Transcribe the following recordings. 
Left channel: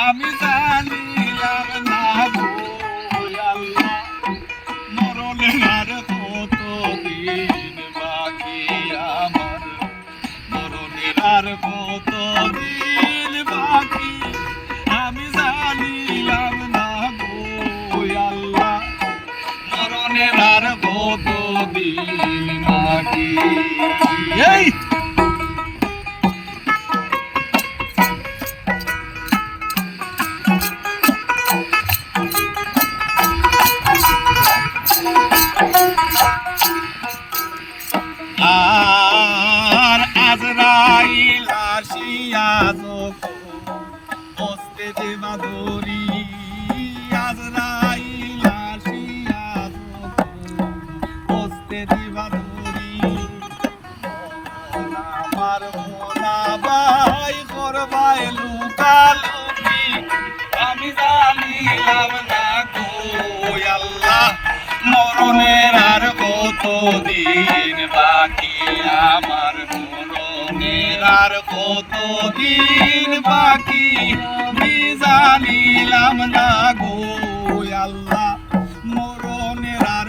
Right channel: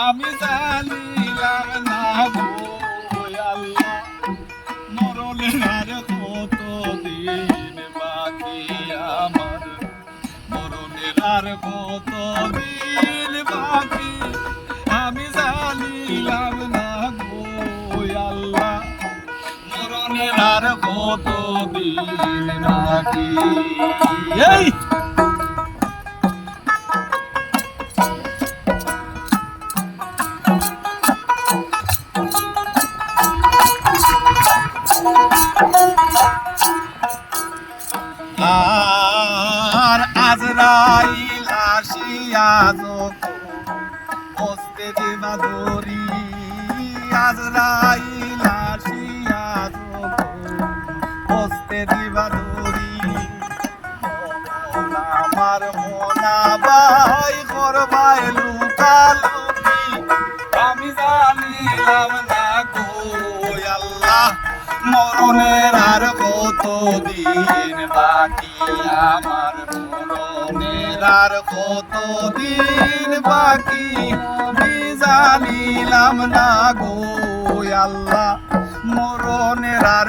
আমি জানিলাম না আল্লাহ মরণের আর কতদিন বাকি আমার? মরণের আর কতদিন বাকি? আমি জানিলাম না আল্লাহ মরণের আর কতদিন বাকি? এই! আর আজরাইল আসিয়া বসতে দেবা দরি আজরাইল আসিয়া বসতে দেবা দরি আমার মোনা বাই করবাই লুকালুকি আমি মরণের আর বাকি? আমার মরণের আর বাকি? জানিলাম না গো আল্লাহ মরণের আর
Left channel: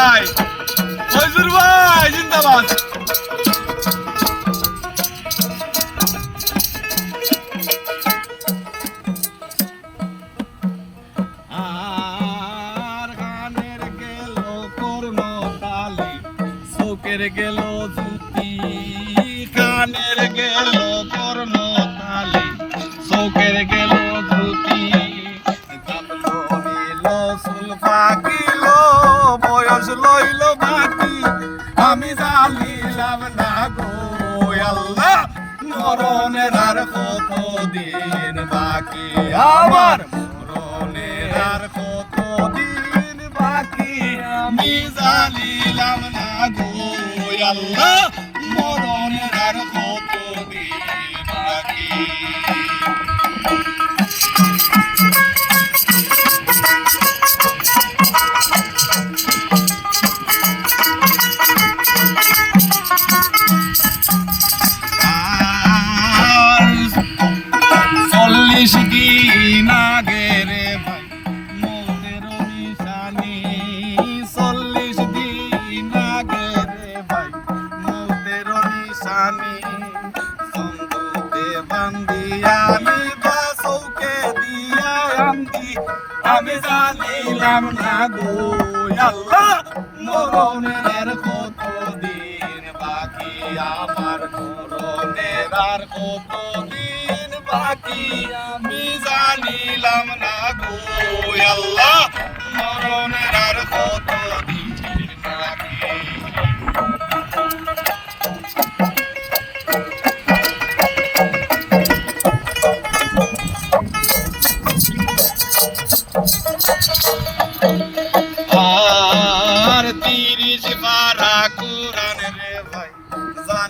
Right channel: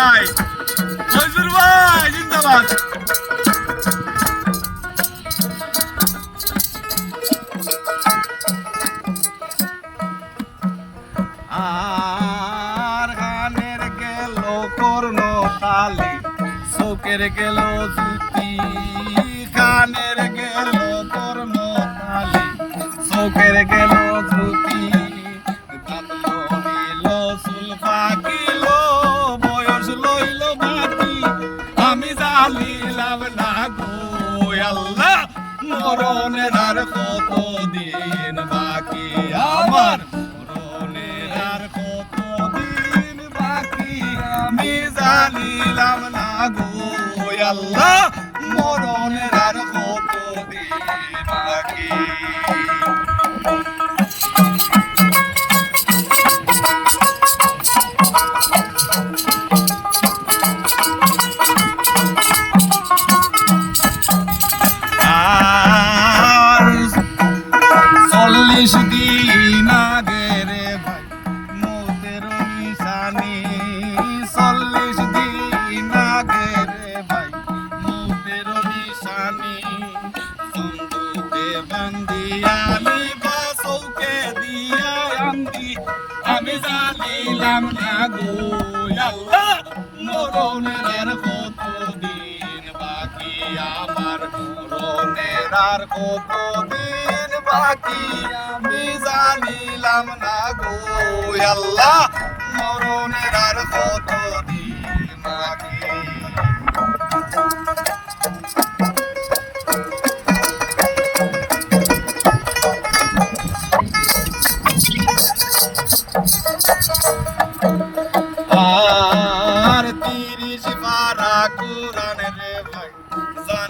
ভাই। বুঝুর ভাই জিন্দাবাদ। চোখের গেল জুতি কানের গেল কর্ণ আল্লাহ মরণের আর কত দিন বাকি? আমার মরণের আর কত দিন বাকি মিজালিলাম না গো আল্লাহ মরণের আর কত দিন বাকি? বান্দিয়ানি বা চৌকে দিয়া আন্দি, আমি জানিলাম না গো, আল্লাহ, মরণের কত দিন বাকি? আমার মরণের আর কত দিন বাকি? আমি জানিলাম না গো, আল্লাহ, মরণের আর কত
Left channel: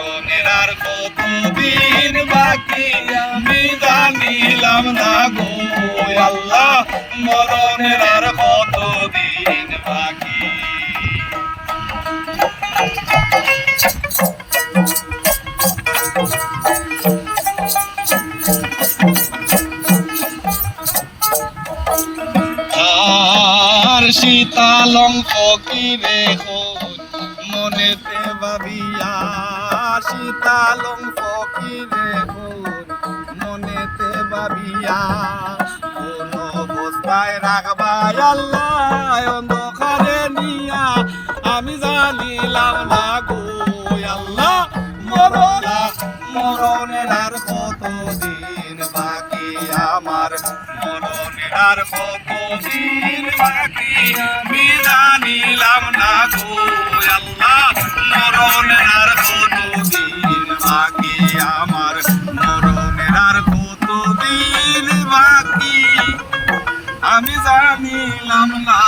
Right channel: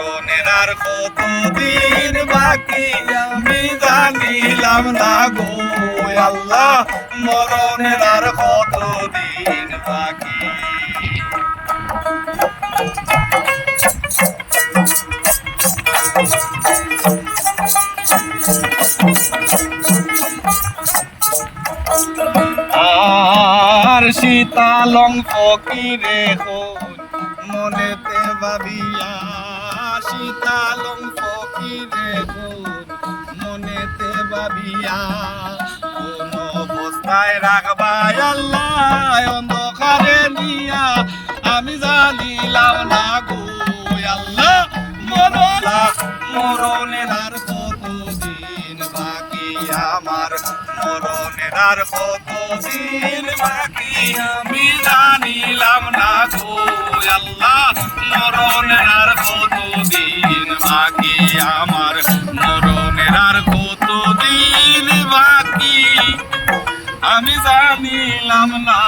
মরণের আর কত দিন বাকি? আমি জানিলাম না গো, আল্লাহ, মরণের আর কত দিন বাকি? আর শীতালং ফকিরে হই, মনেতে ভাবিয়া শীতালং ফকিরে হই মনেতে ভাবিয়া কোন অবস্থায় রাখবাই আল্লাহ, অন্ধকারে নিয়া। আমি জানিলাম, না গো আল্লাহ মরলা মরণের আর কত দিন বাকি? আমার মরণের আর কত দিন বাকি? আমি জানিলাম, না গো আল্লাহ মরণের আমার মরণের আর কত দিন বাকি। আমি জানিলাম না